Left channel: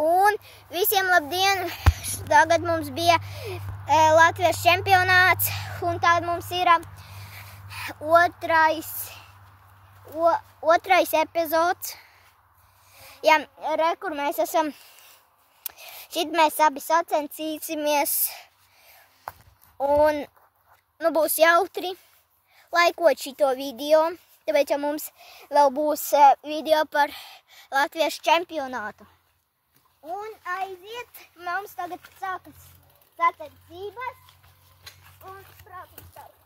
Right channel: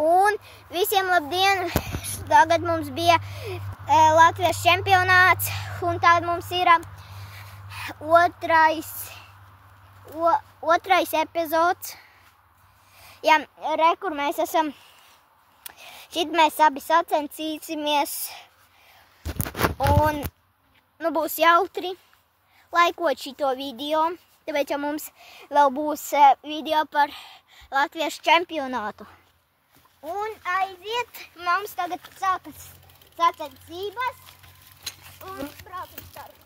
Un visiem labdien! Tagad mums bija Latvijas čempionāts, un tagad mums ir otrais epizods. Jā, re, kur mēs esam. Šit mēs abi sacensīsimies. Un, nu, būs jautri laikot šito video. Tāpēc jau mums vēl būs video par Latvijas čempionātu. Un aiziet, mums tagad sākas sacensības un braucam starp.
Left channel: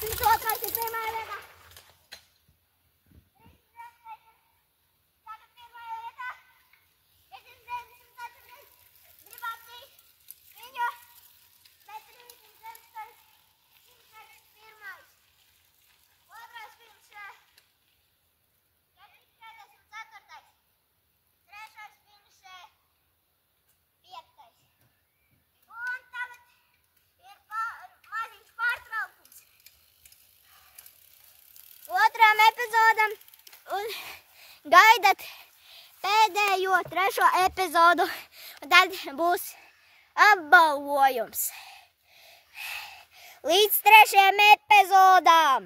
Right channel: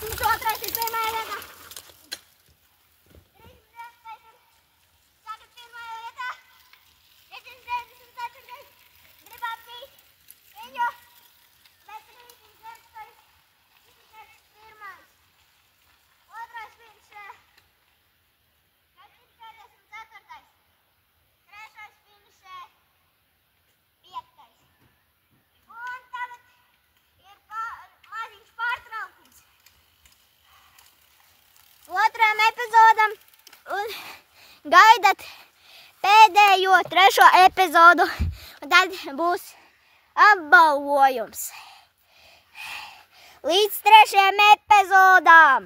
32 ir pirmajā vietā. 34 pirmajā vietā. 194. Gribam tīt viņu. Bet 316. 101. Otrais finišē. 444. Trešais finišē. 5. Un tagad ir maziņš pārtraukums. Otram epizodam un gaidat pēdējo 3. epizodu. Un tad būs apbalvojums. Līdz 3. epizodām!